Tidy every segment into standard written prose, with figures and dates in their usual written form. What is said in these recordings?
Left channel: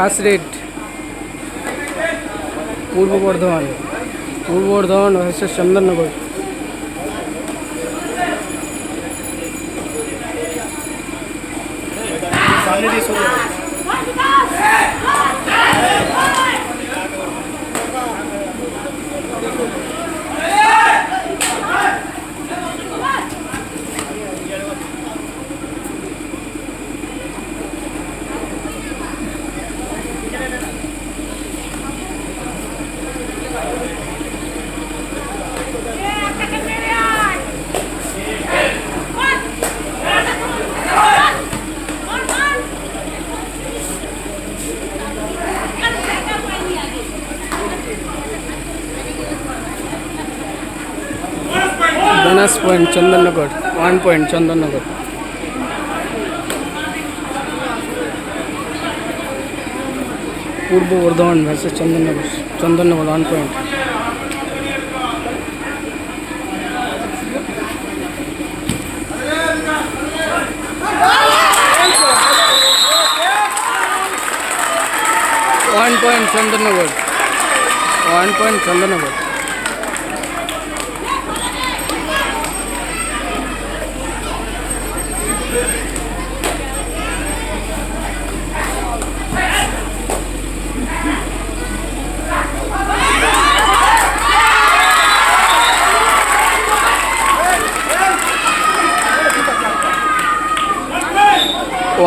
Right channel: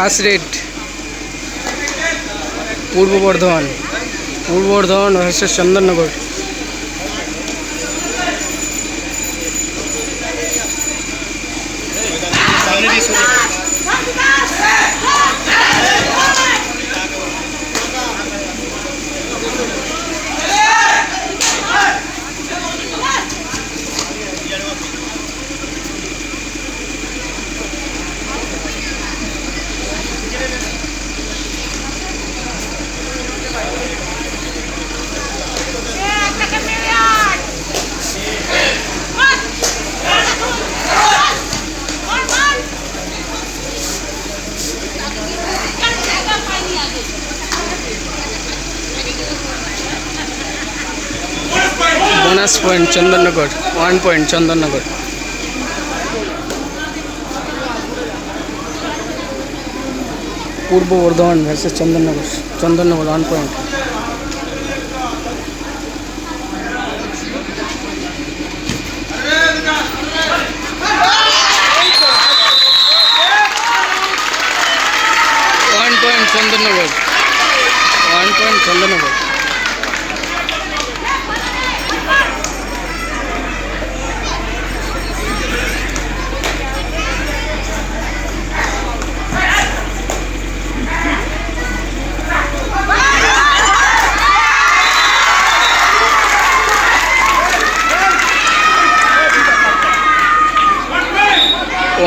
First raid Purba Bardhaman versus Chandannagar. Bonus point Chandannagar, 1 point Chandannagar. Purba Bardhaman versus Chandannagar 1 point. Chandannagar 1 point Chandannagar.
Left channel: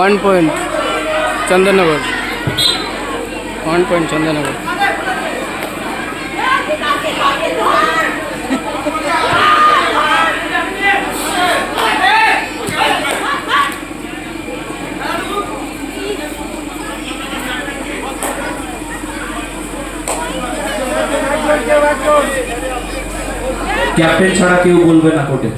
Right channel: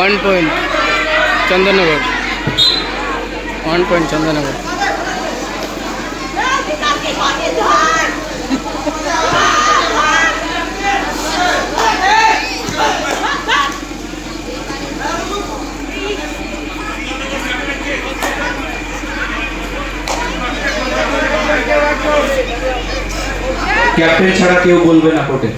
1 point Chandannagar, 1 point Chandannagar. Captain ছাড়া কেউ বলবে না কোর্টে।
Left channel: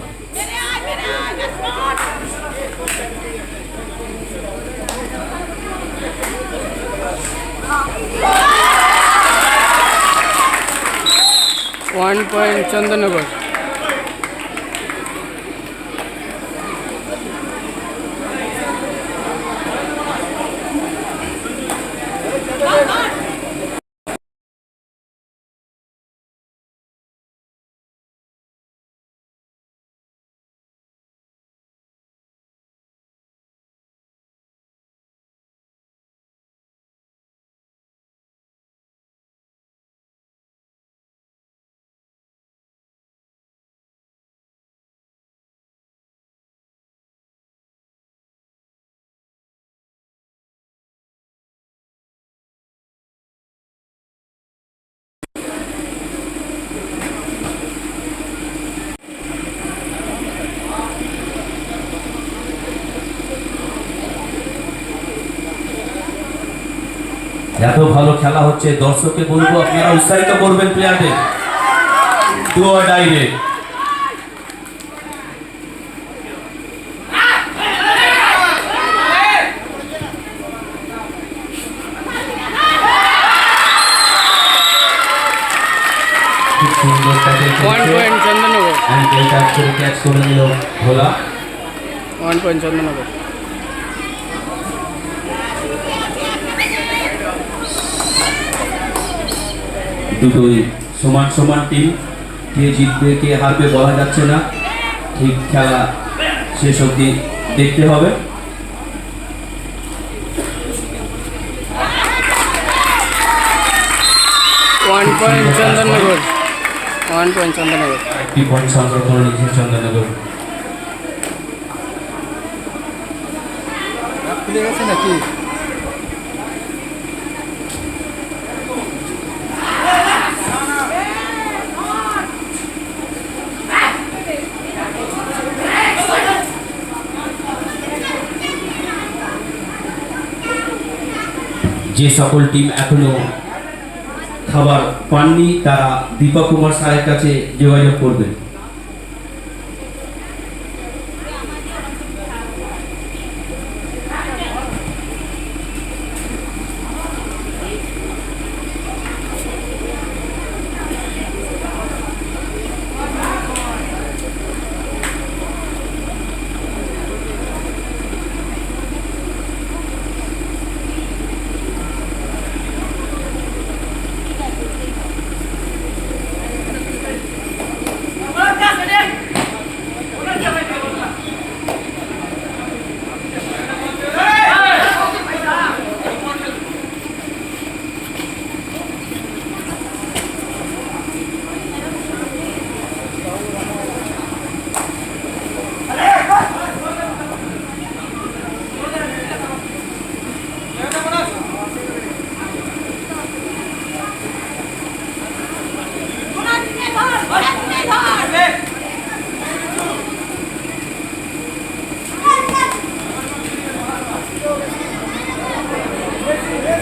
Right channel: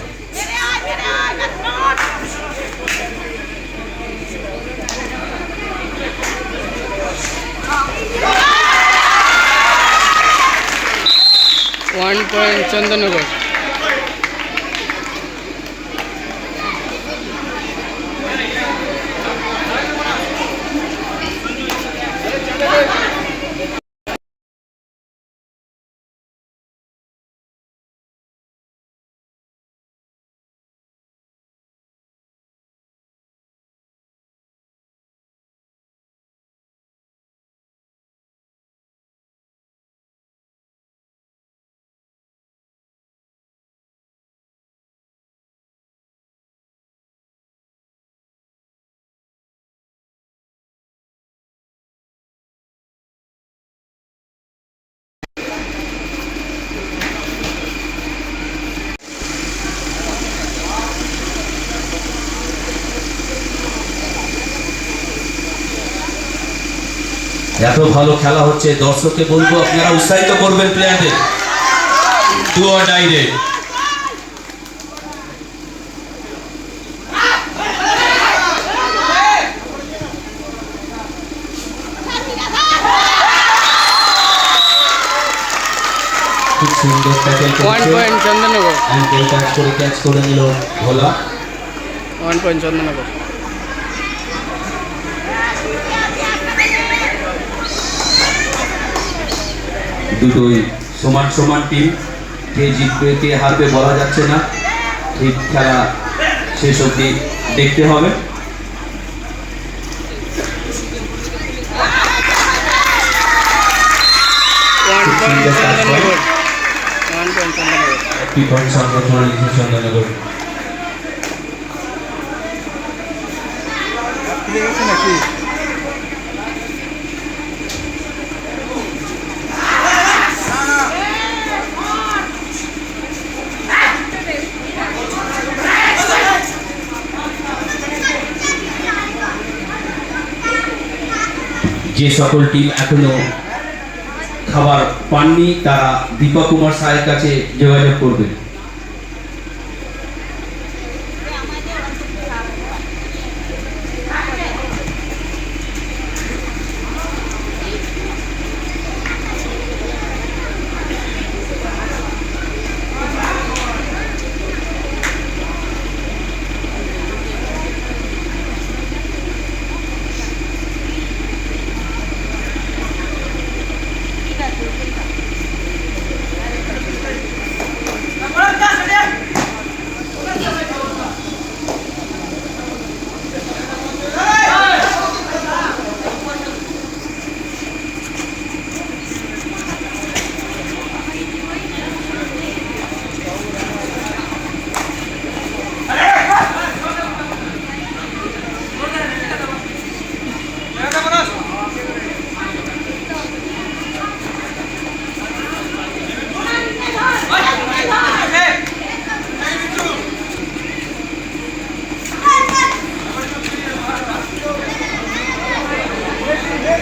One point Chandannagar. এত ভালো খেলা হচ্ছে, দর্শককে বলবো আপনারা উৎসাহিত করবেন প্লেয়ারদের। ডু অর ডাই রে। খুব সুন্দর ট্যাকল করেছে। 1 পয়েন্ট চন্দননগর। এন্ড টাচ করে ক্যাচ করে নিল ভোলা। 1 পয়েন্ট চন্দননগর। দুটোই সমান সমান টিম, কে জিতবে কে হারবে বলা যাচ্ছে না, ঠিক খেলা শেষ অবধি দেখতে হবে। One point Chandannagar. 1 point Chandannagar. একটি পয়েন্ট সামনে করে নিয়েছে চন্দননগর। খুলে গেছে নাকি? যে সকল টিম এখনো খাবার পাননি তারা দীপক কুমার সাহের কাছে যোগাযোগ করবে।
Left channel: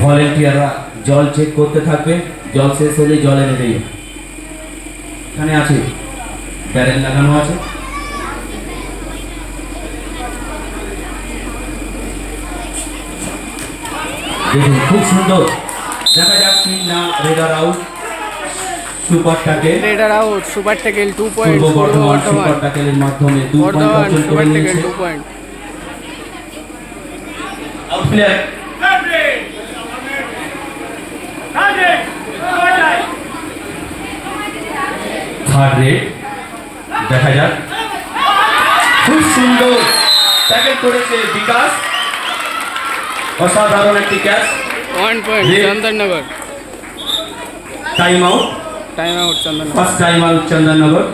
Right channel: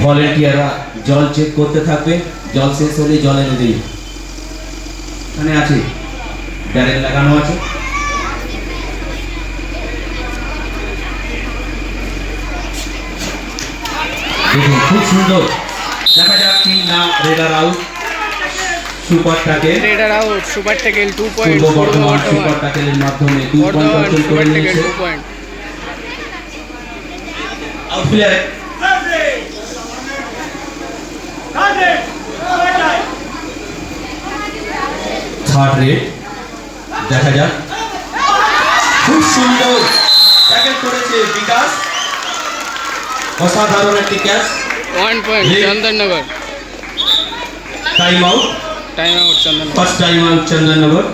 ভলেন্টিয়াররা জল চেক করতে থাকবে, জল শেষ হলে জল এনে দিই। এখানে আছে ব্যারেল লাগানো আছে। দেখুন খুব সুন্দর, দেখা যাক কি না। Raider out, super tackle. Raider out, super tackle 2 point Purba Purba Bardhaman super Bardhaman. ট্যাকেলের মাধ্যমে 2 পয়েন্ট বর্ধমান অর্জন সুপার করে ট্যাকেল নিয়েছে। 2 point. Out player third red, দেখা যাক। খুব সুন্দর ট্যাকেল করেছে বিকাশ, অসাধারণ একটি catch. 1 point Chandannagar. Time out, time out Chandannagar. First time out Chandannagar.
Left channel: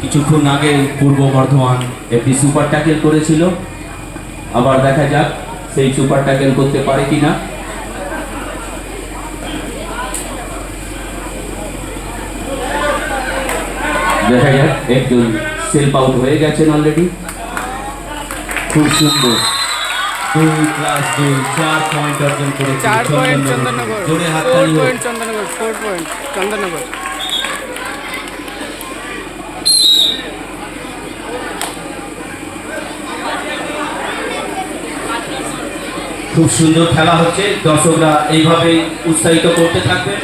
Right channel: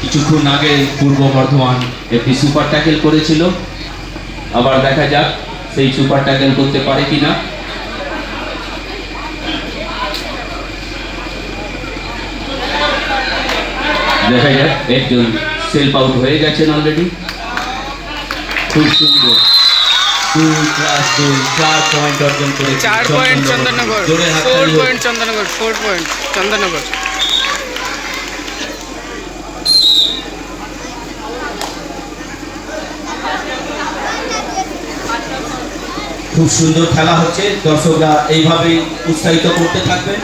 কিছুক্ষণ আগে পূর্ব বর্ধমান একটি সুপার ট্যাকেল করেছিল, আবার দেখা যাক সেই সুপার ট্যাকেল করতে পারে কিনা। দেখা যাক, একজন সেলফ আউট হয়ে গেছেন অলরেডি। খুব সুন্দর, 2+2 4 পয়েন্ট অর্জন করেছে 4 পয়েন্ট চন্দননগর। জোরে হাত 4 তালি হোক। পয়েন্ট চন্দননগর। 4 পয়েন্ট চন্দননগর। খুব সুন্দর খেলা হচ্ছে, দর্শকরা এইভাবে উৎসাহিত করতে থাকবেন।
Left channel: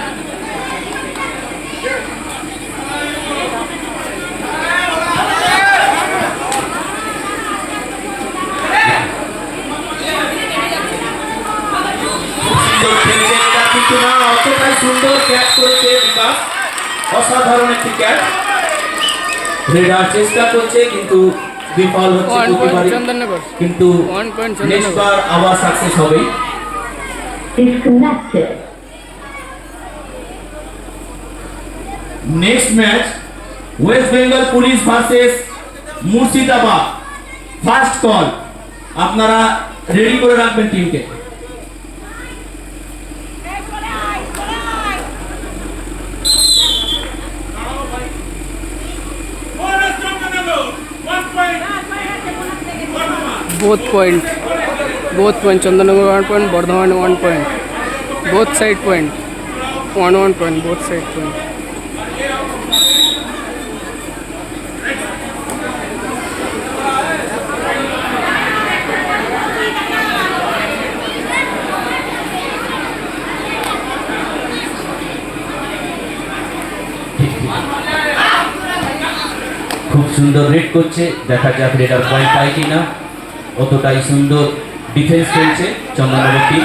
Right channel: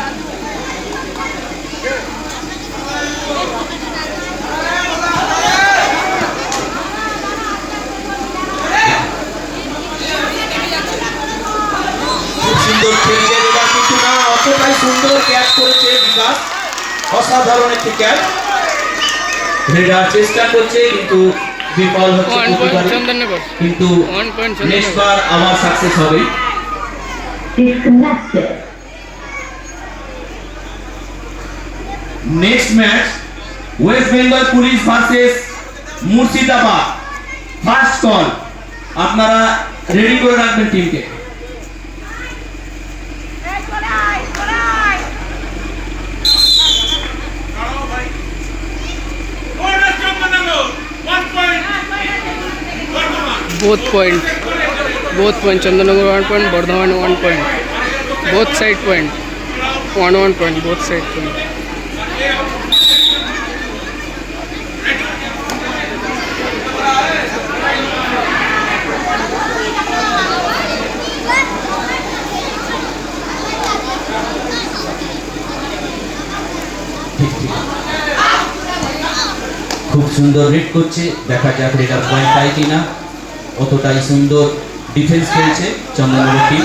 খুব সুন্দর খেলছে এটা, কিন্তু না অতটাই সুন্দর ক্যাচ করেছে বিকাশ, অসাধারণ একটি ক্যাচ। রেডার চেষ্টা করছে কিন্তু বিফল হচ্ছে 1 পয়েন্ট প্রতিবারই। চন্দননগর। কিন্তু 1 পয়েন্ট নেক্সট চন্দননগর। বার আবার সাকসেস হবে। Disconnected. Next match West Bengal police versus Murshidabad. First call, আপনারা রেডি করে রাখবেন টিমকে। Both point Chandannagar 1 point, Bardhaman 1 point. Both side point. 1 point, both side point. খুব সুন্দর রিড করছে, দেখা যাক রেডার পয়েন্ট পায় কিনা। অতটাই সুন্দর ডিফেন্স খেলছে চন্দননগর টিম।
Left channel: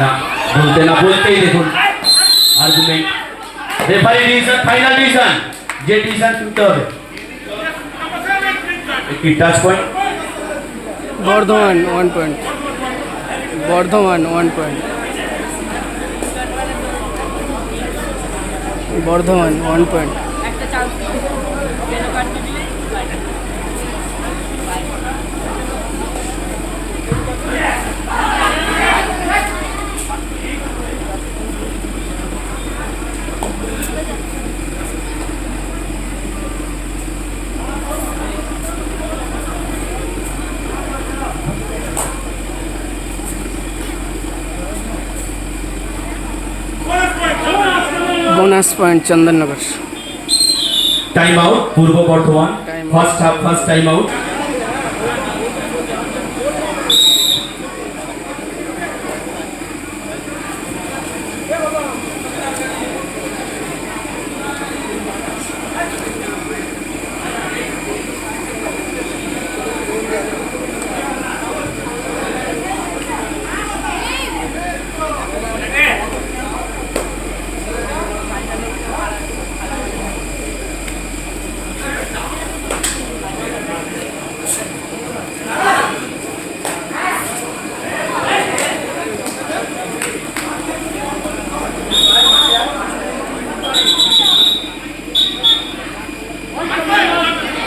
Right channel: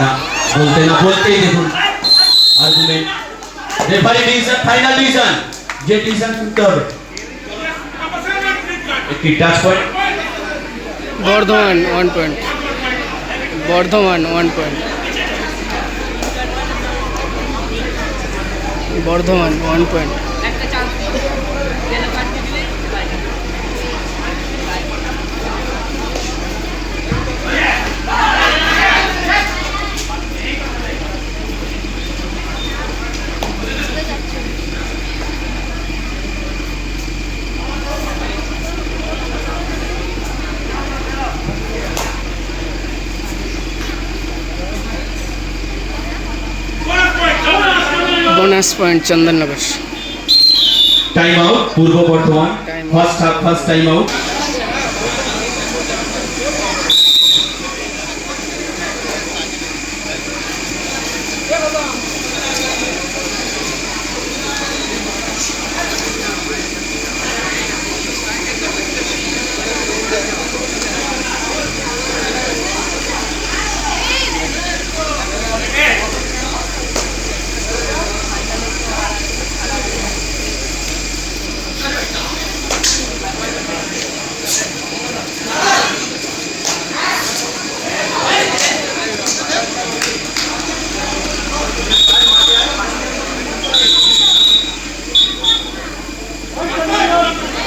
না বলতেই দেখুন argument, referee decision, final decision, যে ডিসিশন করতে হবে। একটি touch point, Bardhaman 1 point. Bardhaman 1 point. Bardhaman 1 point. Bonus point Chandannagar. Time out Purba Bardhaman. Time out. First half, first time out.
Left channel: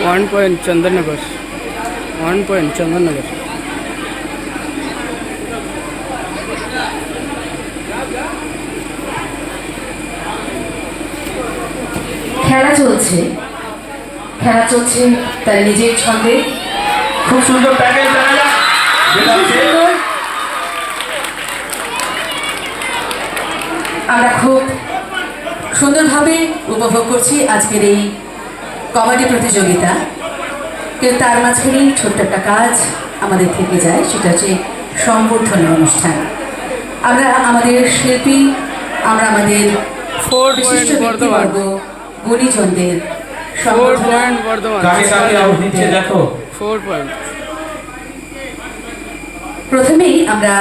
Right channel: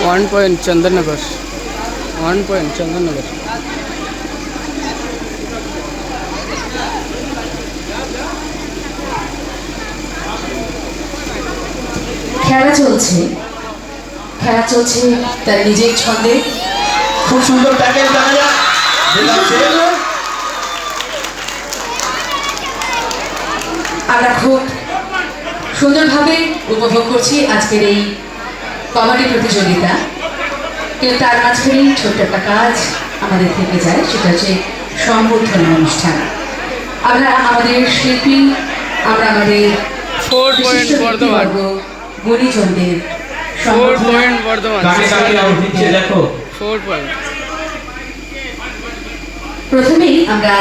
One point Chandannagar 1 point Chandannagar. খেলা চলছে তার নিজের ছন্দে। খুব সুন্দর ট্যাকেল দেখা যাক আমরা খুব সুন্দরভাবে উপভোগ করছি আজকের এই কবাডি প্রতিযোগিতা, কিন্তু তার মাঝখানেই ছোট্ট একটা কাজ আমাদের থেকে যায়, সেটা হচ্ছে সম্বর্ধনা অনুষ্ঠান। আমরা আমাদের শিল্পী, আমরা আমাদের 4 পয়েন্ট বর্ধমান, গুণীজনদের 4 পয়েন্ট বর্ধমান, দেখো 4 পয়েন্ট। প্রথমেই আমরা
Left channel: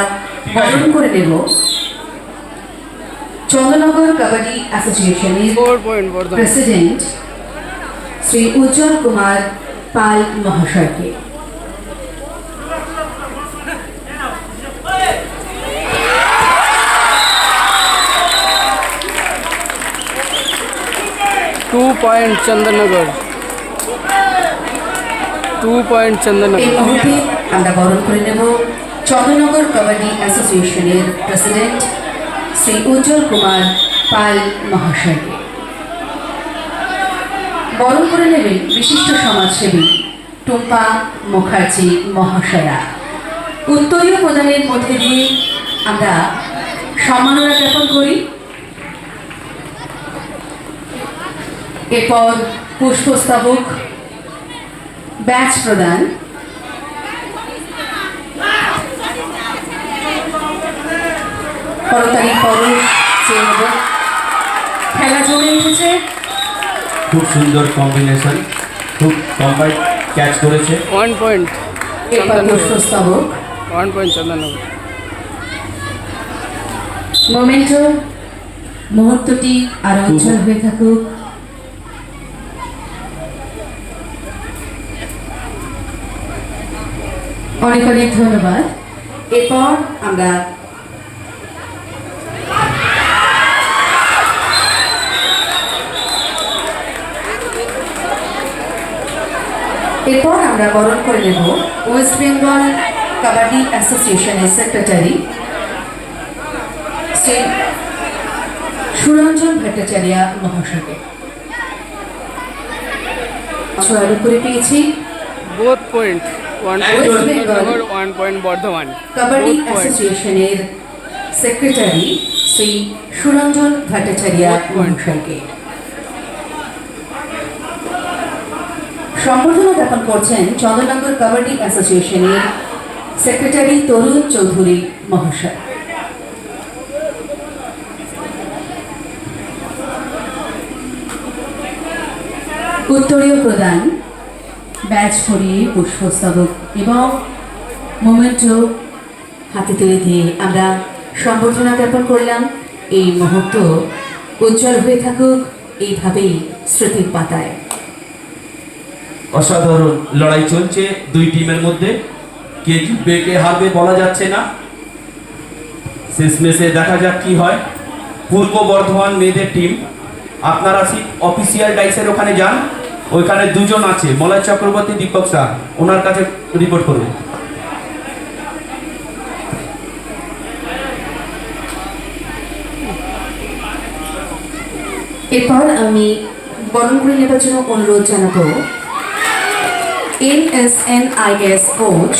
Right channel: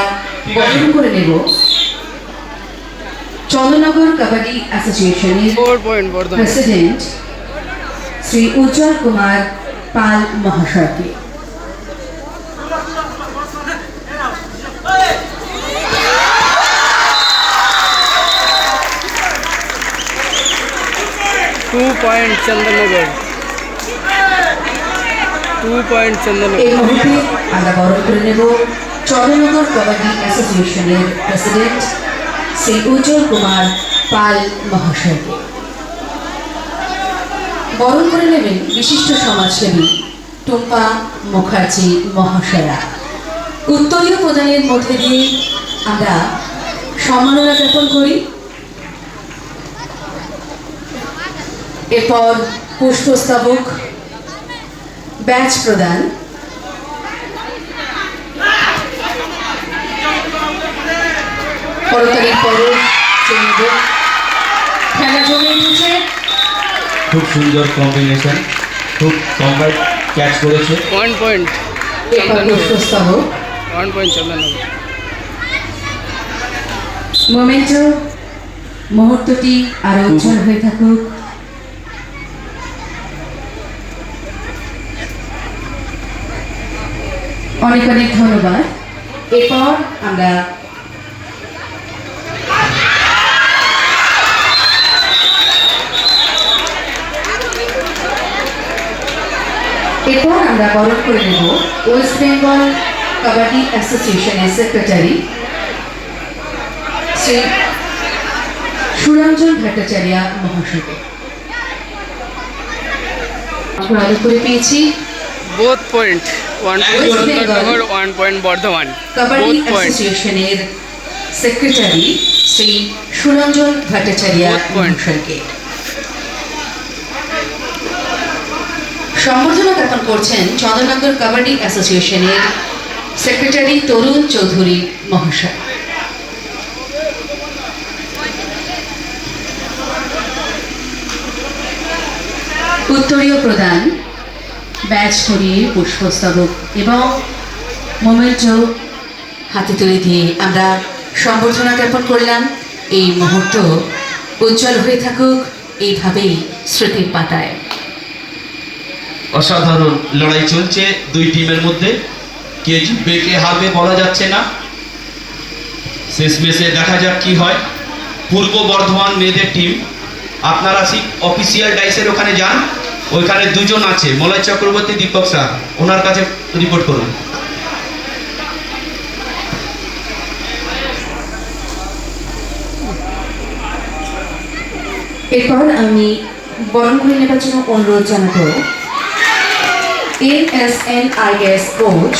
বরণ করে নেব চন্দ্রনগর কাবাডি অ্যাসোসিয়েশনের 4 পয়েন্ট বর্ধমান। প্রেসিডেন্ট শ্রী উজ্জ্বল কুমার পাল মহাশয়কে। टू पॉइंट चंदननगर, 2 पॉइंट এই चंदननगर। মুহূর্তে আমরা বরণ করে নেব চন্দ্রনগর কাবাডি অ্যাসোসিয়েশনের প্রেসিডেন্ট শ্রী উজ্জ্বল কুমার পাল মহাশয়কে। বরণ করে নেবেন বিশিষ্ট সমাজসেবী টুম্পা মুখার্জি মহাশয়া। উত্তরীয় প্রদানের মধ্যে দিয়ে আমরা সম্মাননা জ্ঞাপন করি। এরপর পুষ্পস্তবক, ব্যাচ প্রদান, করতালি পরশ, চেনব, খেলা জমে উঠেছে। খুব সুন্দর কম্বিনেশন, খুব কম্বাইন্ড ক্যাচ করেছে। 1 पॉइंट এরপর चंदननगर, পুষ্পস্তবক, 1 पॉइंट चंदननगर। মোমেন্টো, মুহূর্তটি আরো উজ্জ্বল হয়ে থাকুক। অনেক অনেক ধন্যবাদ। এরপর আমরা বরণ করে নেব ওয়েস্ট বেঙ্গল কাবাডি অ্যাসোসিয়েশনের সেক্রেটারি শ্রী সুরঞ্জন ভট্টাচার্য মহাশয়কে। আলো করে পেয়েছি both point, 1 point Chandannagar, 1 point Bardhaman. Kabaddi both point, অ্যাসোসিয়েশনের secretary Shri Suranjan Bhattacharya Both point. মহাশয়কে। সম্বোধনা জ্ঞাপন করছেন চন্দ্রনগর কাবাডি অ্যাসোসিয়েশনের সেক্রেটারি তরুণ চৌধুরী মহাশয়। উত্তরীয় প্রদান, ব্যাচ পরিয়ে পুষ্পস্তবক এবং মোমেন্টো হাতে তুলে দিয়ে আমরা সম্বর্ধনা জ্ঞাপন করলাম। এই মুহূর্ত উজ্জ্বল হয়ে থাকুক এইভাবেই স্মৃতির পাতায়। অসাধারণ লড়াই চলছে দুই টিমের মধ্যে, কে জিতবে কে হারবে বলা যাচ্ছে না। শেষমেশে দেখা যাক কি হয়। পূর্ব বর্ধমান মেয়েদের টিম, আপনারা অফিসিয়াল ডাইসের ওখানে যান, ওইখানে দুজন আছে, মলয় চক্রবর্তী, দীপক শাহ, ওনার কাছে রিপোর্ট করুন। এরপর আমি বরণ করে নেবার জন্য অনুরোধ জানাবো NSNIS coach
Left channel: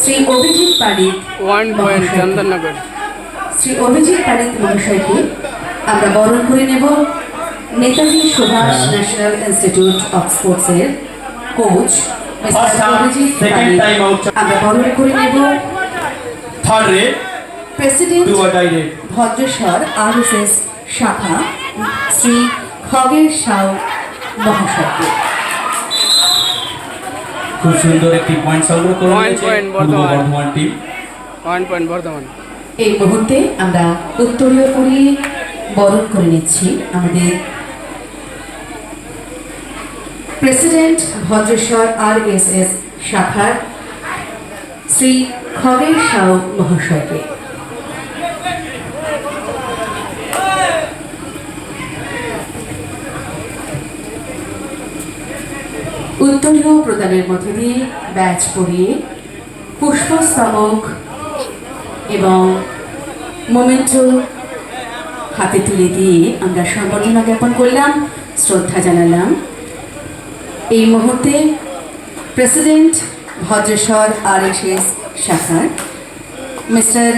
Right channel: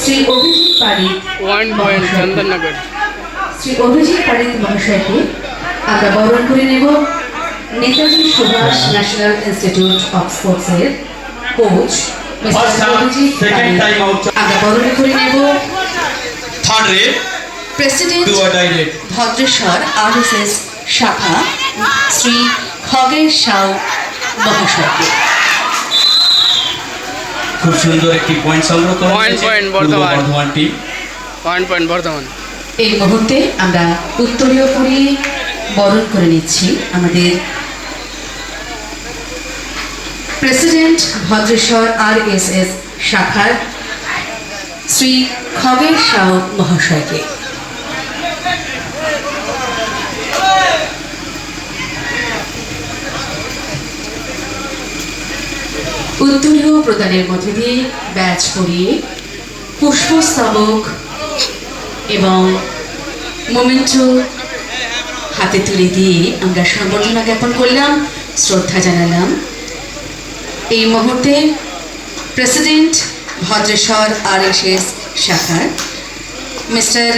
Shri Abhijit Parik 1 point Chandannagar. Shri Abhijit Parik মহাশয়কে আমরা বরণ করে নেব Netaji Subhash national institute of স্পোর্টসের কোচ মিস্টার অভিজিৎ পারিক। আমরা বরণ করে নেব third raid, president do or die raid. Bhadreshwar RSS শাখা শ্রী খগেশ সাউ মহাশয়কে। খুব সুন্দর একটি পয়েন্ট সংগ্রহ করে One নিয়েছে point পূর্ব বর্ধমান। বর্ধমান টিম। 1 पॉइंट बर्धमान। এই মুহূর্তে আমরা উত্তরীয় পরিয়ে বরণ করে নিচ্ছি আমাদের প্রেসিডেন্ট ভদ্রেশ্বর RSS শাখার শ্রী খগেশ সাউ মহাশয়কে। উত্তরীয় প্রদানের মধ্যে দিয়ে ব্যাচ পরিয়ে পুষ্পস্তবক এবং মোমেন্টো হাতে তুলে দিয়ে আমরা সম্বর্ধনা জ্ঞাপন করলাম, শ্রদ্ধা জানালাম। এই মুহূর্তে প্রেসিডেন্ট ভদ্রেশ্বর RSS শাখার মিস্টার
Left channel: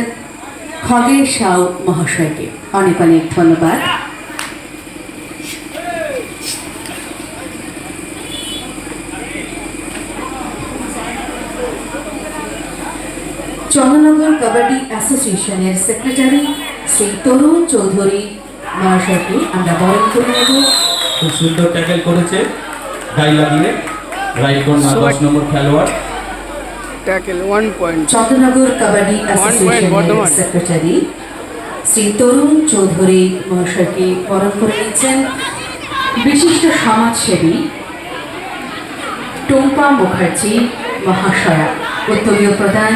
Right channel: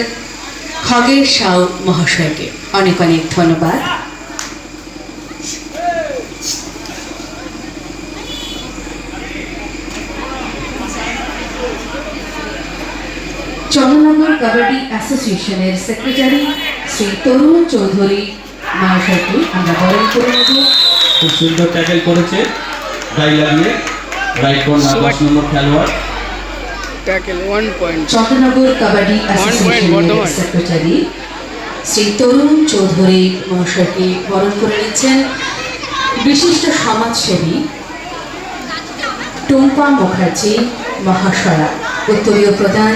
খগের সাউ মহাশয়কে অনেক অনেক ধন্যবাদ। চন্দ্রনগর কাবাডি অ্যাসোসিয়েশনের সেক্রেটারি শ্রী তরুণ চৌধুরী মহাশয়কে আমরা বরণ করে নেব। খুব সুন্দর ট্যাকেল করেছে গায়ে লাগিয়ে রাইট কর্নার 10 নম্বর খেলোয়াড়। Tackle 1 point. Chandernagore kabaddi point, অ্যাসোসিয়েশনের বর্ধমান। সেক্রেটারি শ্রী তরুণ চৌধুরী মহাশয়কে বরণ করে নিচ্ছেন বিশিষ্ট সমাজসেবী টুম্পা মুখার্জি মহাশয়া। উত্তরীয় প্রদান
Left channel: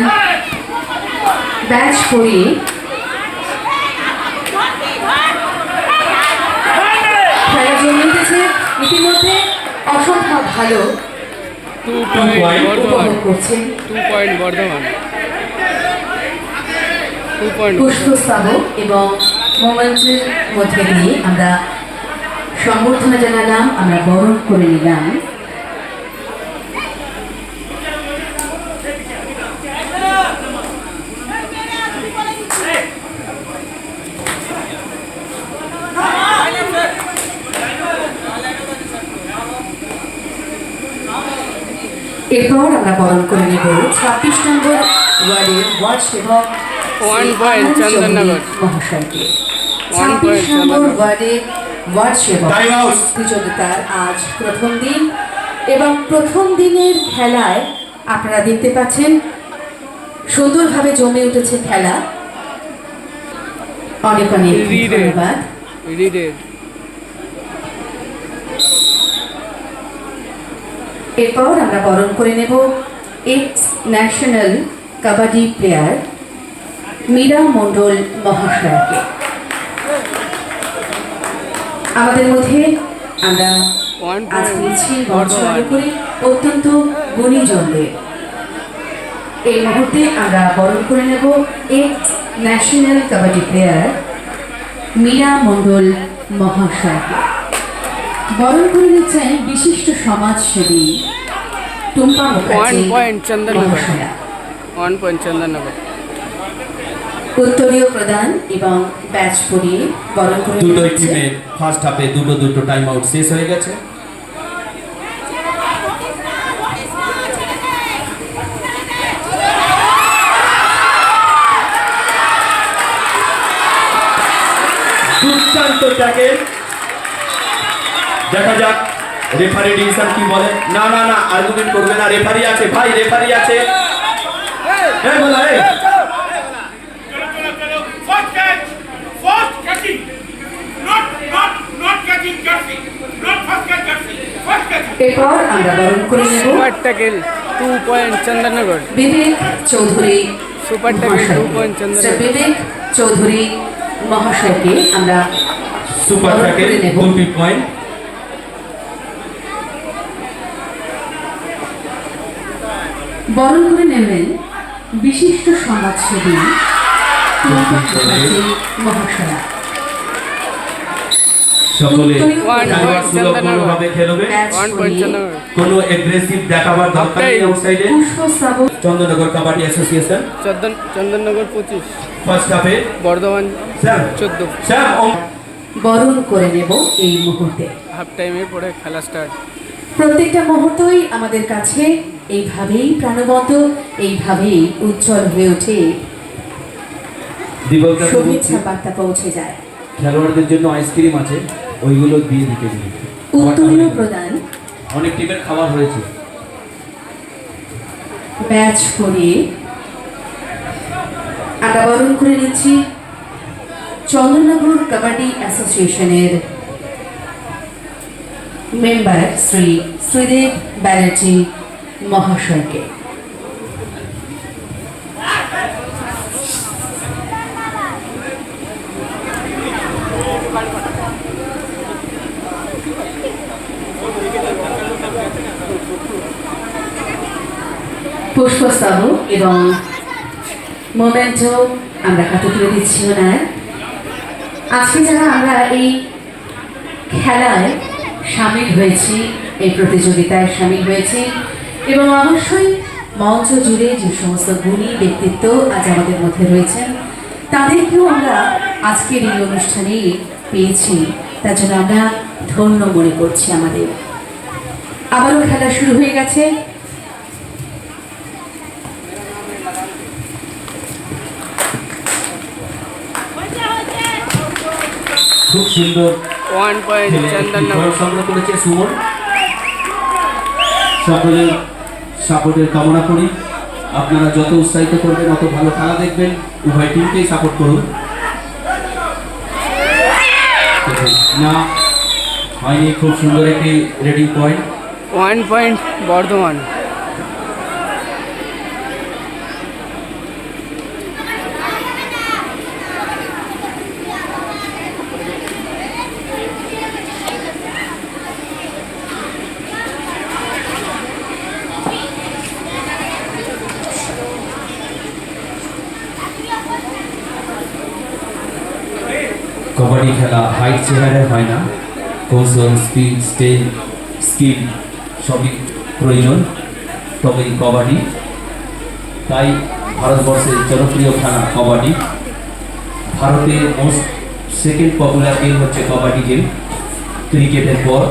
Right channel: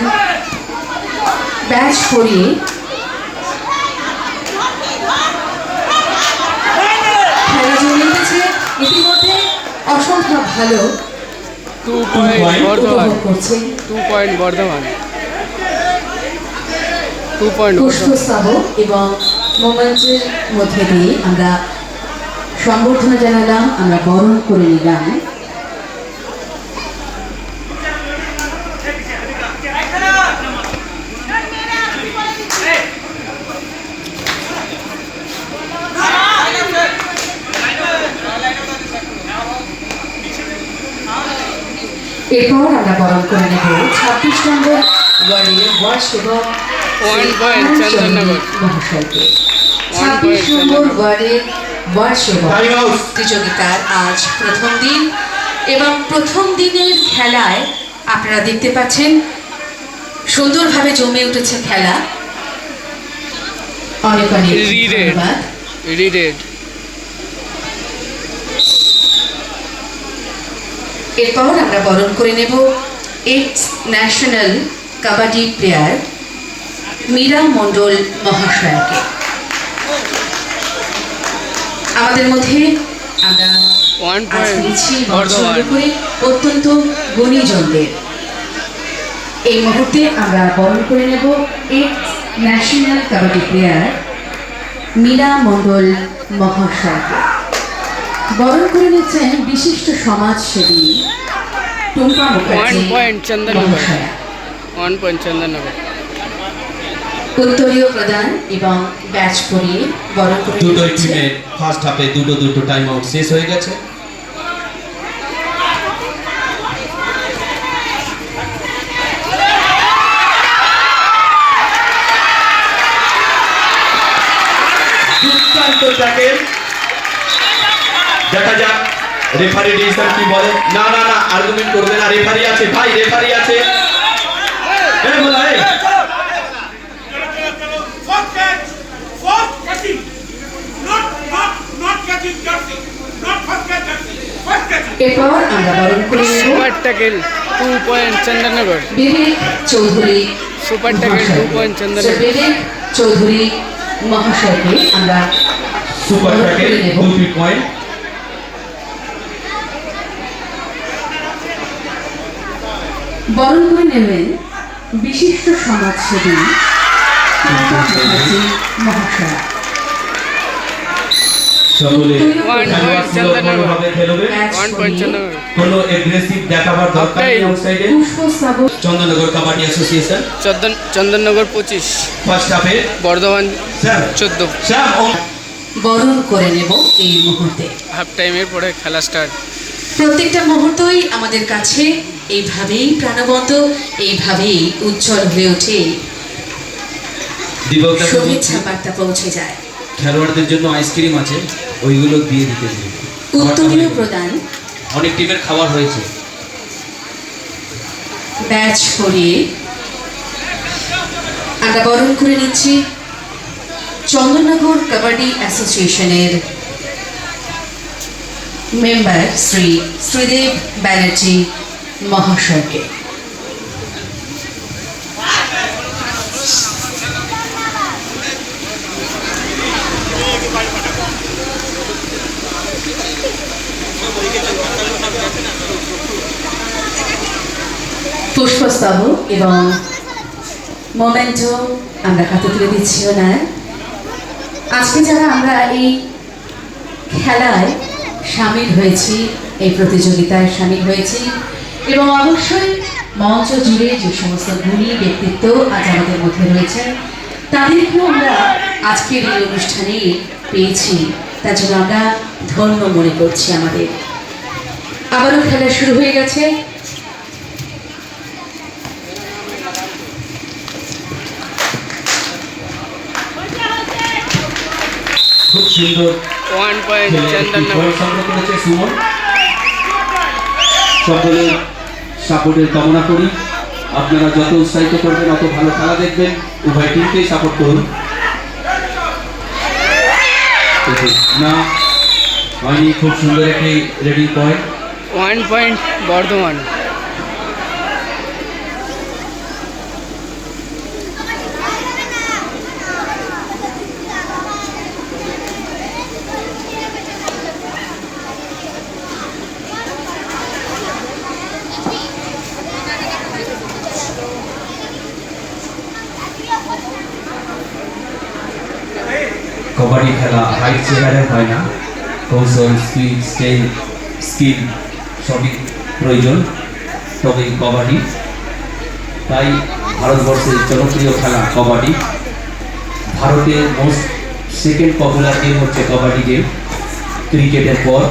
ব্যাচ পরিয়ে খেলা জমে উঠেছে ইতিমধ্যে অসম্ভব ভালো 2 পয়েন্ট বর্ধমান। উপভোগ করছেন 2 পয়েন্ট বর্ধমান। 2 পয়েন্ট পুষ্পস্তব এবং মোমেন্টের মধ্যে দিয়ে আমরা সম্বর্ধনা জানালাম, আমরা বরণ করে নিলাম। এরপর আমরা বরণ করে নেব 26 নম্বর ওয়ার্ডের ওয়ার্ড সেবক 1 পয়েন্ট চন্দননগর। মহাশয়কে। 1 পয়েন্ট 26 নম্বর চন্দননগর। ওয়ার্ডের ওয়ার্ড সেবক প্রতিযোগিতার আজ প্রথম দিন এবং প্রথম দিনের খেলায় আপনারা দেখতে পাচ্ছেন সুন্দরভাবে জমে উঠেছে খেলা। অনেক অনেক রিরেড ধন্যবাদ। রিরেড এরপর আমরা বরণ করে নেব ex national kabaddi player Meera Mondal মহাশয়াকে। আমাদের মধ্যে আমরা 1 আজ পয়েন্ট পেয়েছি বর্ধমান। করে অত্যন্ত গুণীজনদের। এই মুহূর্তে আমরা বরণ করে নেব ex national kabaddi player Meera Mondal মহাশয়কে। বরণ করে নিচ্ছেন বিশিষ্ট সমাজসেবী টুম্পা মুখার্জি 1 পয়েন্ট চন্দননগর। মহাশয়া। 1 পয়েন্ট চন্দননগর। উত্তরীয় প্রদান এবং ব্যাচ পরিয়ে বরণ করে দুটোই নিচ্ছে টিমের ফার্স্ট হাফে দুটো টাইম আউট শেষ হয়ে গেছে। দুর্দান্ত ট্যাকেল। দেখা যাক রেফারি ডিসিশন কি বলে। না না না আর্গুমেন্ট করবে না, রেফারি আছে ভাই, রেফারি আছে। এই বলা এই First catch, first catching, not catching jersey, not first catch jersey, first catching. এরপর আমরা বরণ করে নেব super tackle 2 point Chandannagar. Bibek Chowdhury super tackle 2 point sir Chandannagar. Bibek Chowdhury মহাশয়কে আমরা সুপার বরণ ট্যাকেল করে নেব। 2 পয়েন্ট। বরণ করে নেবেন বিশিষ্ট সমাজসেবী টুম্পা মুখার্জি মহাশয়া। সকলে 1 পয়েন্ট চন্দননগর। ভাবে খেলবে। 1 পয়েন্ট চন্দননগর। কোনো এগ্রেসিভ দেখাবার দরকার নেই আউটসাইডে। পুষ্পস্তব চন্দননগর কাবাডি অ্যাসোসিয়েশন চন্দননগর 25 ফার্স্ট হাফে বর্ধমান স্যার 14। স্যার বরণ করে নেব এই মুহূর্তে। হাফ টাইমের পরে খেলা স্টার্ট। প্রত্যেকটা মুহূর্তই আমাদের কাছে এইভাবেই প্রাণবন্ত, এইভাবেই উজ্জ্বল হয়ে ওঠে, দিবকদা শুভেচ্ছা বার্তা পৌঁছে যায়। খেলোয়াড়দের জন্য আইসক্রিম আছে, ওইগুলো দিয়ে দিতে দিন। উত্তরীয় প্রদান অনেক টিমের খাবার হয়েছে। ব্যাচ করিয়ে আমরা বরণ করে নিচ্ছি চন্দননগর কাবাডি অ্যাসোসিয়েশনের মেম্বার শ্রী শ্রীদেব ব্যানার্জি মহাশয়কে। পুষ্পস্তবক এবং মোমেন্টো আমরা হাতে তুলে দিচ্ছি ওনার। আজকে যারা আমরা এই খেলায় সামিল হয়েছি, এই প্রতিযোগিতায় সামিল হয়েছি, এবং অবশ্যই মঞ্চ জুড়ে যে সমস্ত গুণী ব্যক্তিত্ব আজ আমাদের মধ্যে রয়েছেন তাদেরকেও আমরা আজকের এই অনুষ্ঠানে পেয়েছি, তার জন্য আমরা ধন্য মনে করছি আমাদের। আবারও খেলা শুরু হয়ে গেছে। খুব সুন্দর 1 পয়েন্ট চন্দননগর। সংগ্রহ করেছে সুমন। সকলের সাপোর্টের কামনা করি। আপনারা যত উৎসাহিত করবেন অত ভালো খেলা দেখবেন। উভয় টিমকেই সাপোর্ট করুন। না হয়নি, খুব সুন্দর একটি রেডিং পয়েন্ট। 1 পয়েন্ট বর্ধমান। কবাডি খেলা হাইট চেয়ারের হয় না, কৌশল, স্পিড, স্কিল সবই প্রয়োজন, তবেই কবাডি। তাই ভারতবর্ষের জনপ্রিয় খেলা কবাডি। ভারতের মোস্ট সেকেন্ড পপুলার গেম হচ্ছে কবাডি গেম, ক্রিকেটের পর।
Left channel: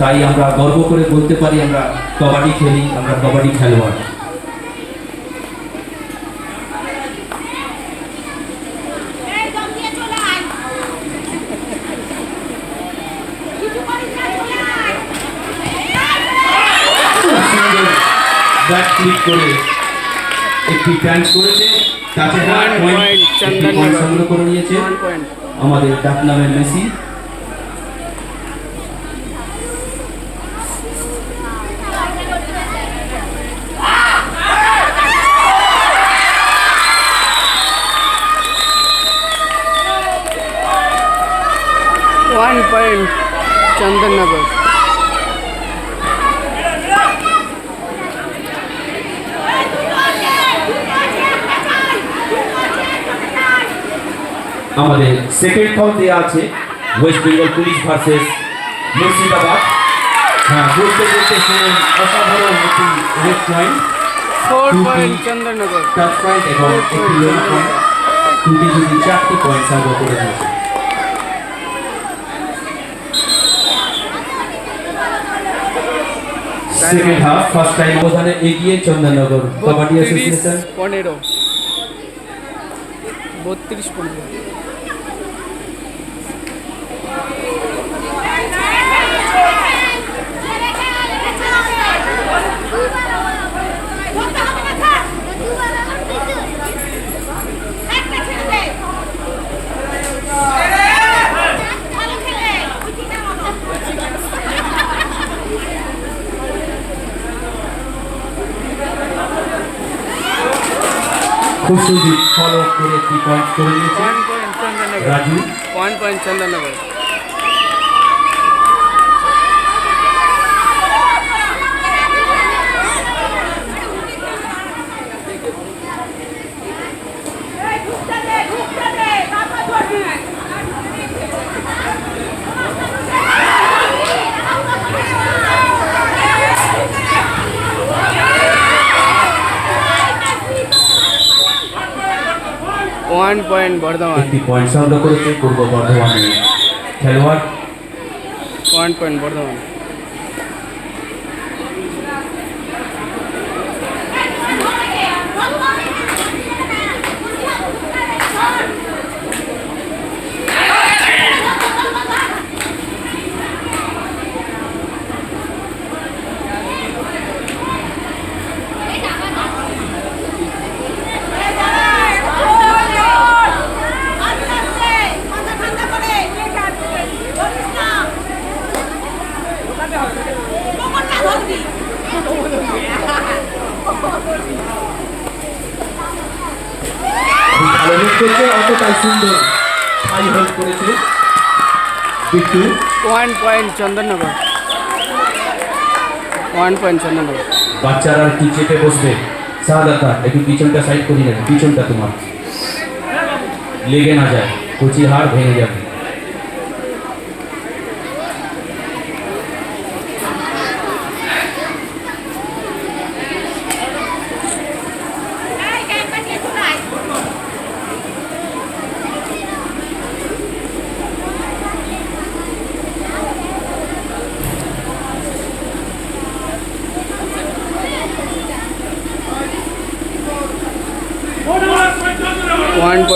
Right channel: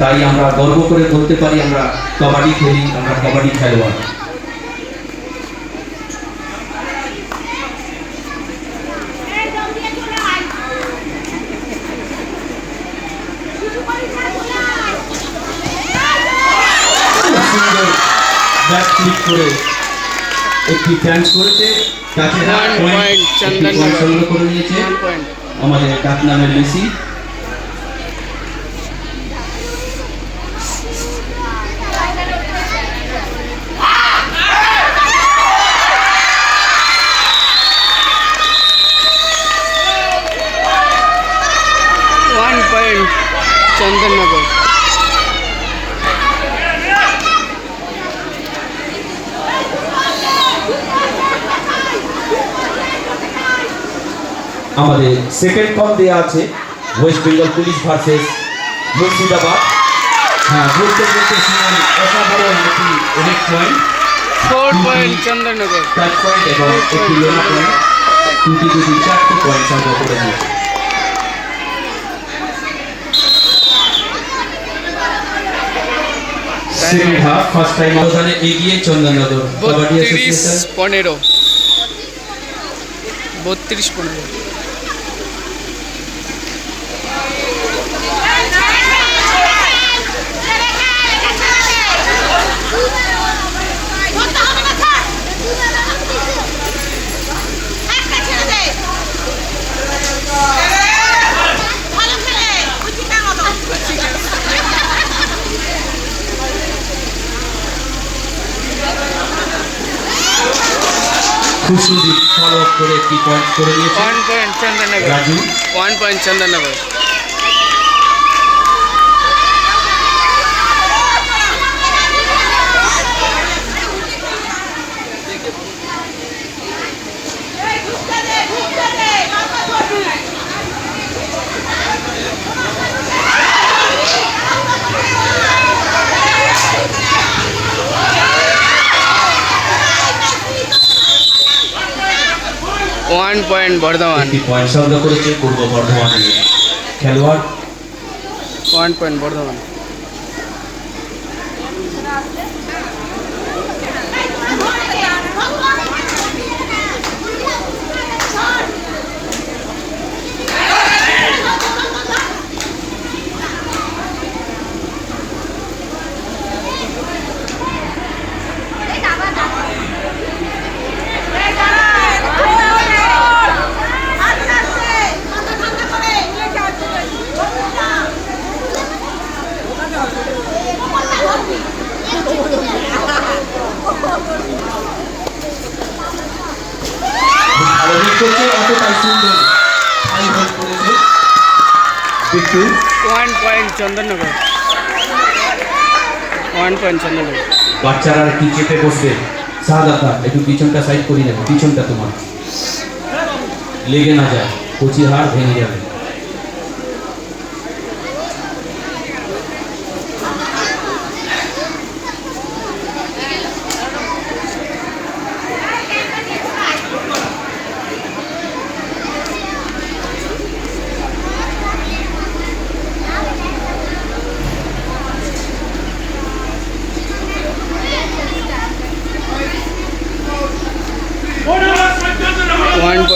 তাই আমরা গর্ব করে বলতে পারি আমরা কবাডি খেলি, আমরা কবাডি খেলোয়াড়। ব্যাক ক্লিক করে একটি ফ্যান্স করেছে, তাকে 1 পয়েন্ট চন্দননগর। সংগ্রহ করে নিয়েছে 1 পয়েন্ট। আমাদের ডাকনামের মেসি। One point Chandannagar. আমাদের সেকেন্ড পয়েন্ট দেওয়া আছে West Bengal police versus Murshidabad. হ্যাঁ, বলতে বলতে শুনুন অসাধারণ একটি red point, 4 point Chandannagar. Catch point এবং একটি রেড পয়েন্ট, দুটি 4টি পয়েন্ট সংগ্রহ করে নিয়েছে। সেকেন্ড হাফ ফার্স্ট টাইম অবদানে এগিয়ে চন্দননগর কবাডি অ্যাসোসিয়েশন। 32-15। খুব সুন্দর ফলো করে একটি পয়েন্ট করে নিয়েছে 1 point Chandannagar. Raju. 1 point Chandannagar. One point Bardhaman. একটি পয়েন্ট সংগ্রহ করেছে পূর্ব বর্ধমানের খেলোয়াড়। 1 পয়েন্ট বর্ধমান। ভালো মিস করছে, অতটাই সুন্দর হাই হোল্ড করেছে বিট্টু। 1 পয়েন্ট চন্দননগর। 1 পয়েন্ট চন্দননগর। বাচ্চারা একটু চেপে বসবে। শাহাদাতা একটু পিছনটা সাইড করে নেবে, পিছনটা তোমার লেগে না যায়, কচি হাড় ভেঙে যাবে।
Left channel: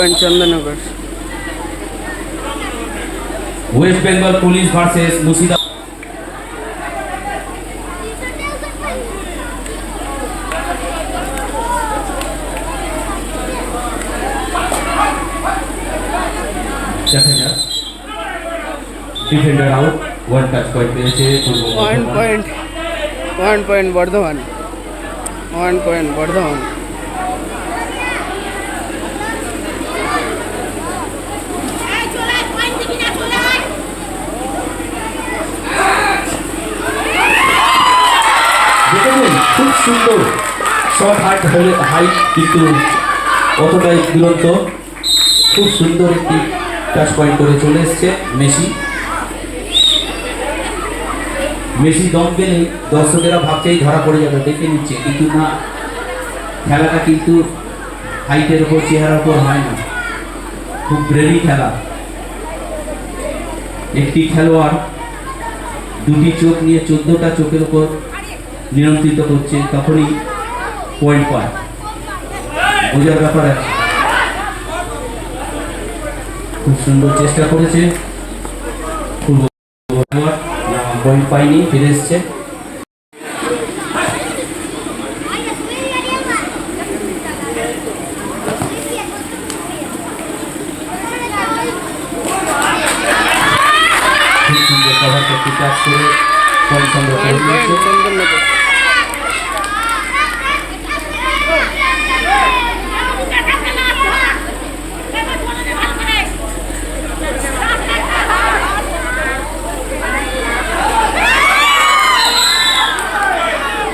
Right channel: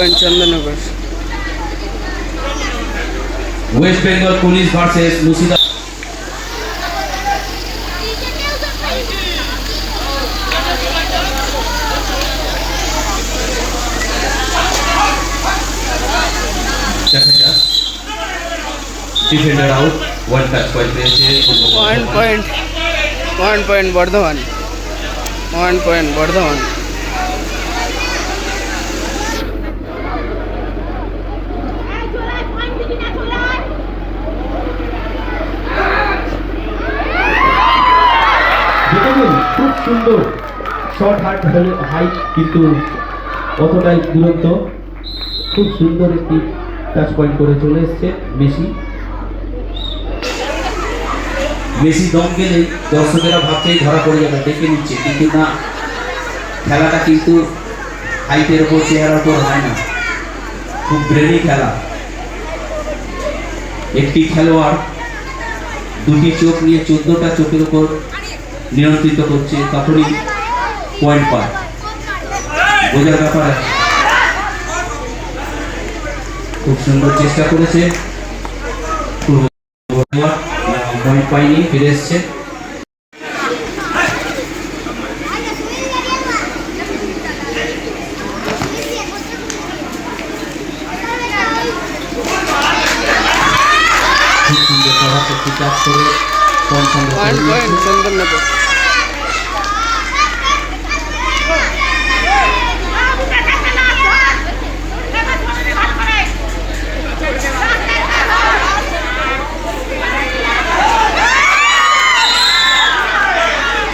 Point Chandannagar. West Bengal police versus Murshidabad. দেখা যাক defender out, one touch point পেয়েছে one point Bardhaman, 1 point Bardhaman. খুব সুন্দর শর্ট হাইট, কিন্তু কতটাই দুরন্ত, খুব সুন্দর একটি টাচ পয়েন্ট করে চলে এসছে মেসি। মেসি দম গেলে দর্শকেরা ভাবতেই ধরা পড়ে যাবে, দেখে নিচ্ছে, কিন্তু না, খেলাটা কিন্তু হাইটের উপর, চেহারার উপর হয় না, খুব ব্রেনি খেলা। একটি খেলোয়াড় দুটি চোখ নিয়ে 14টা চোখের উপর নিয়ন্ত্রিত করছে, তখনই পয়েন্ট পায়, বোঝার ব্যাপার আছে। খুব সুন্দর চেষ্টা করেছে, পয়েন্ট পাইনি, ফিরে এসছে। খুব সুন্দর কভার করতে কাজ করে পয়েন্ট সংগ্রহ 1 করে পয়েন্ট নিয়েছে। চন্দননগর।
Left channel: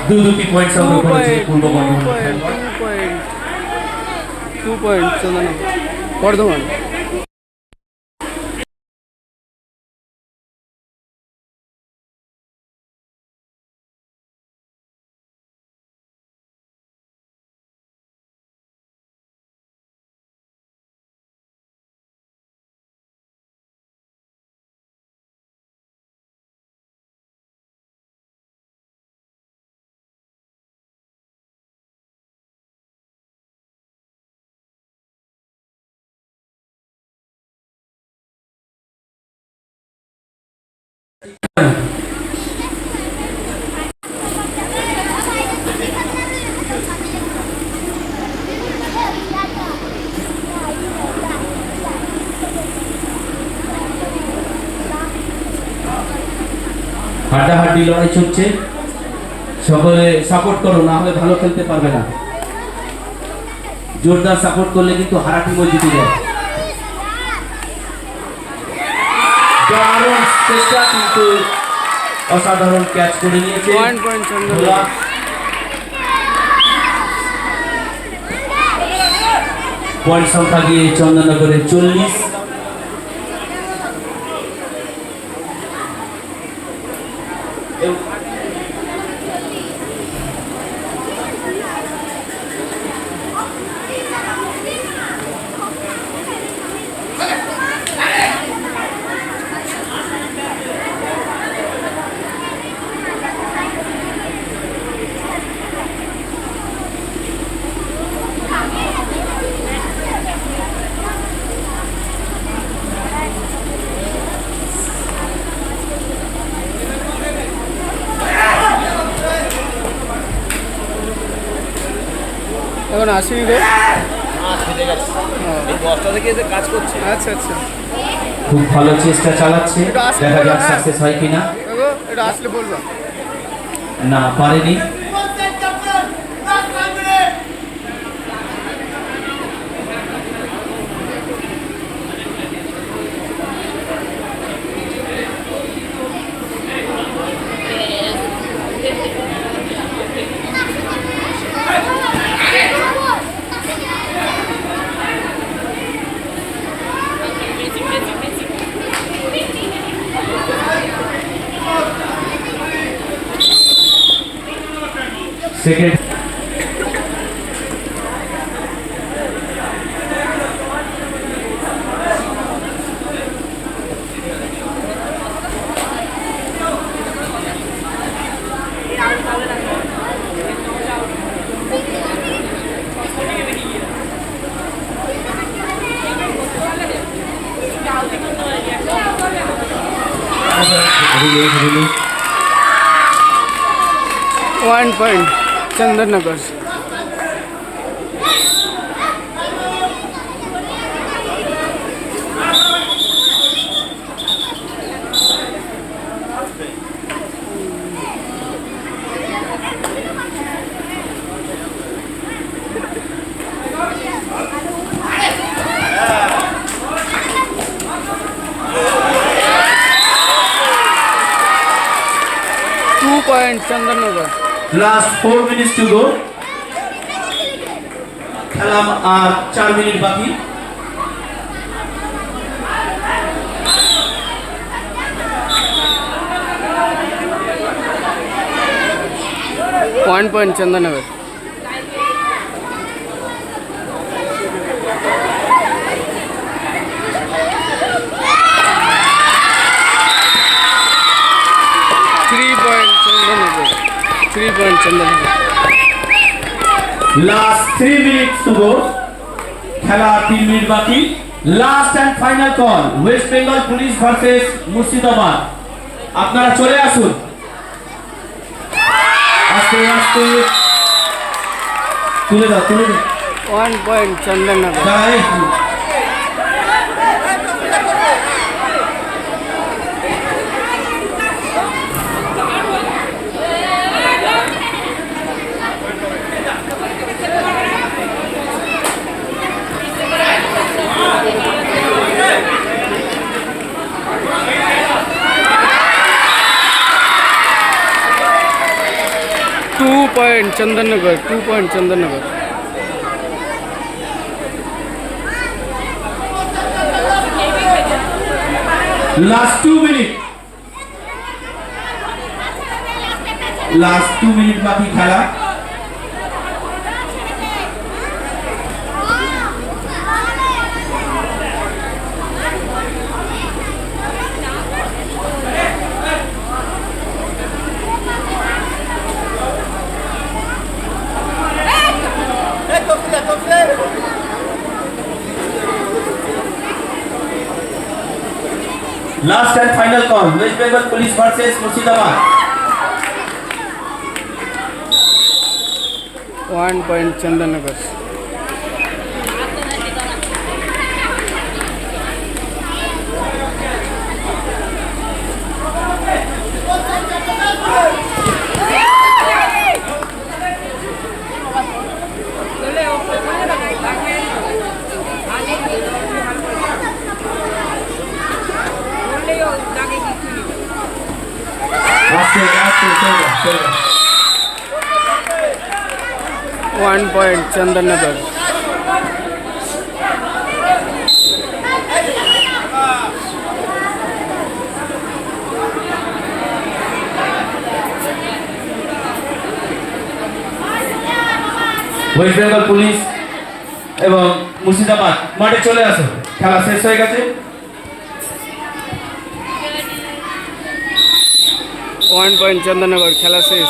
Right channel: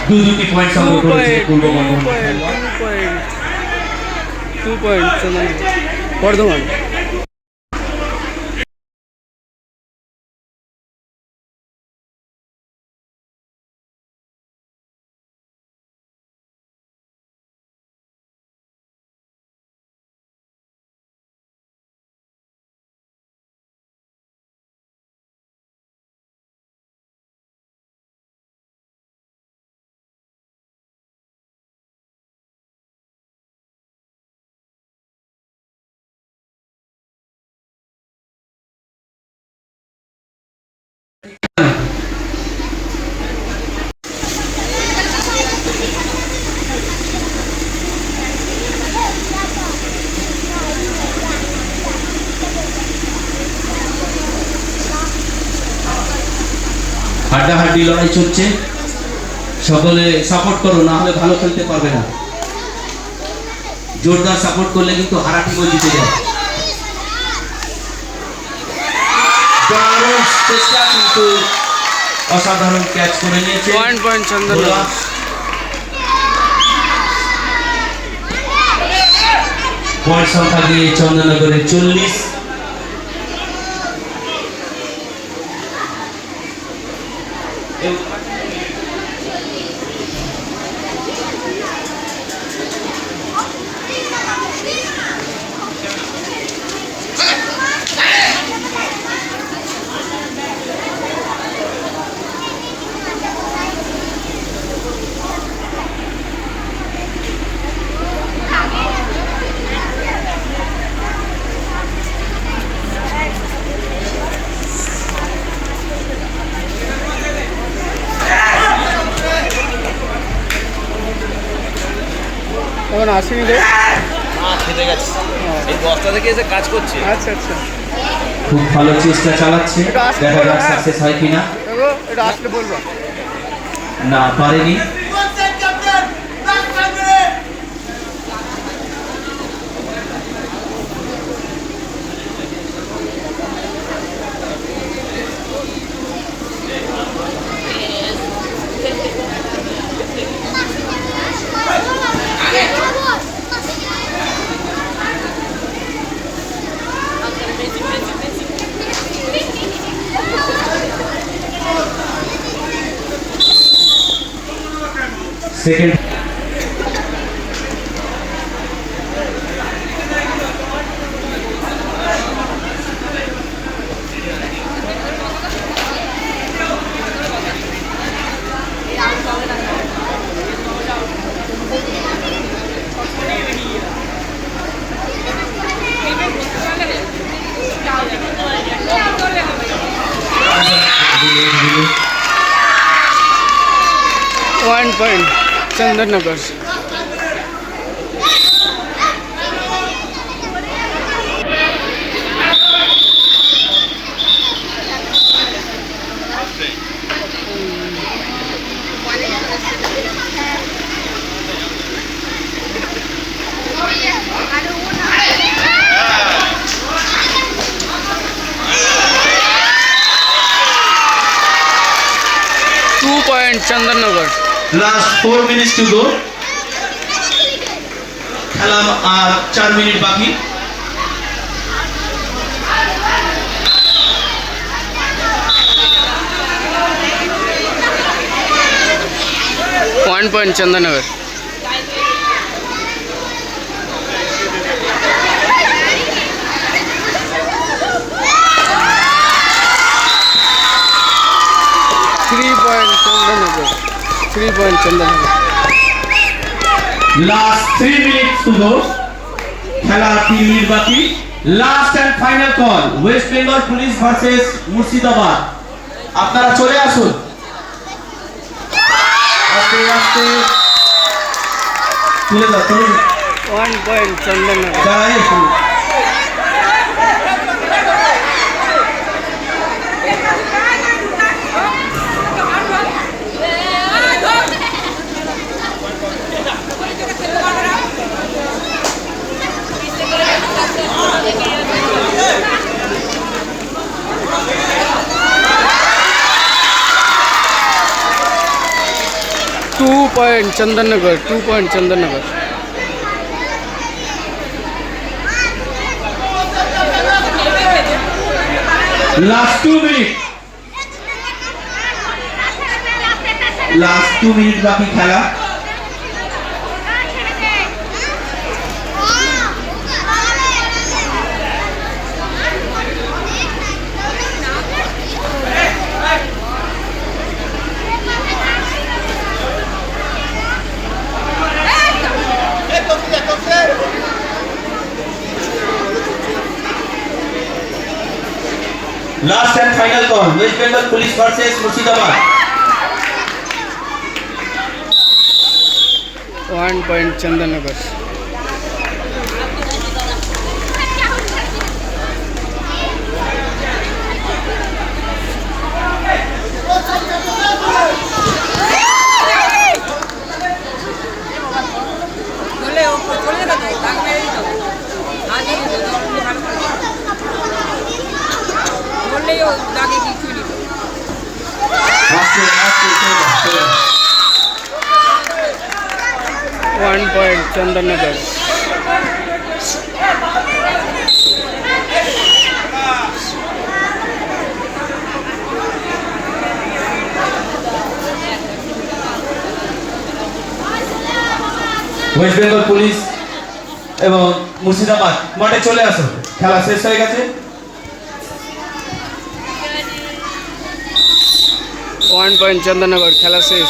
দুটি পয়েন্ট 2 সংগ্রহ করেছে পয়েন্ট পূর্ব বর্ধমান। 2 পয়েন্ট চন্দননগর, বর্ধমান। হাড্ডাহাড্ডি লড়াই চলছে, সকলে সাপোর্ট করো, না হলে ভালো খেলতে পারবে না। জোরদার সাপোর্ট করলে কিন্তু হারা টিমও জিতে যায়। দারুণ চেষ্টা, কিন্তু অসাধারণ ক্যাচ করে নিয়েছে 1 পয়েন্ট চন্দননগর। পয়েন্ট সংখ্যা দিয়ে চন্দননগরের 40। এখন আসেনি রে? খেতে গেছে, এই বস্তা থেকে এসে কাজ করছে। আচ্ছা আচ্ছা, খুব ভালো চেষ্টা চালাচ্ছে, দেখা যাক সাকসেস হয় কিনা। দেখো এটা আসলে বলবা। না, পারেনি। Second 1 point Chandarnagar. Two point Chandarnagar. Last 4 minutes to go. খেলা আর 4 মিনিট বাকি। One point Chandarnagar. Three point Chandarnagar. 3 point Chandarnagar. Last 3 minutes to go. খেলা 3 মিনিট বাকি। Last and final call, West Bengal police versus Murshidabad. আপনারা চলে আসুন। আস্তে আস্তে তুলে দাও, তুলে দাও। 1 point Chandarnagar. দাঁড়াই একটু। Two point Chandarnagar. 2 point Chandarnagar. Last 2 minute. Last 2 minute বাকি খেলা। Last and final call, West Bengal Police versus Murshidabad. 1 point Chandarnagar. One point Chandarnagar. West Bengal police এবং মুর্শিদাবাদ মাঠে চলে আসো, খেলা শেষ হয়ে গেছে। 1 point Chandarnagar. খেলা শেষ।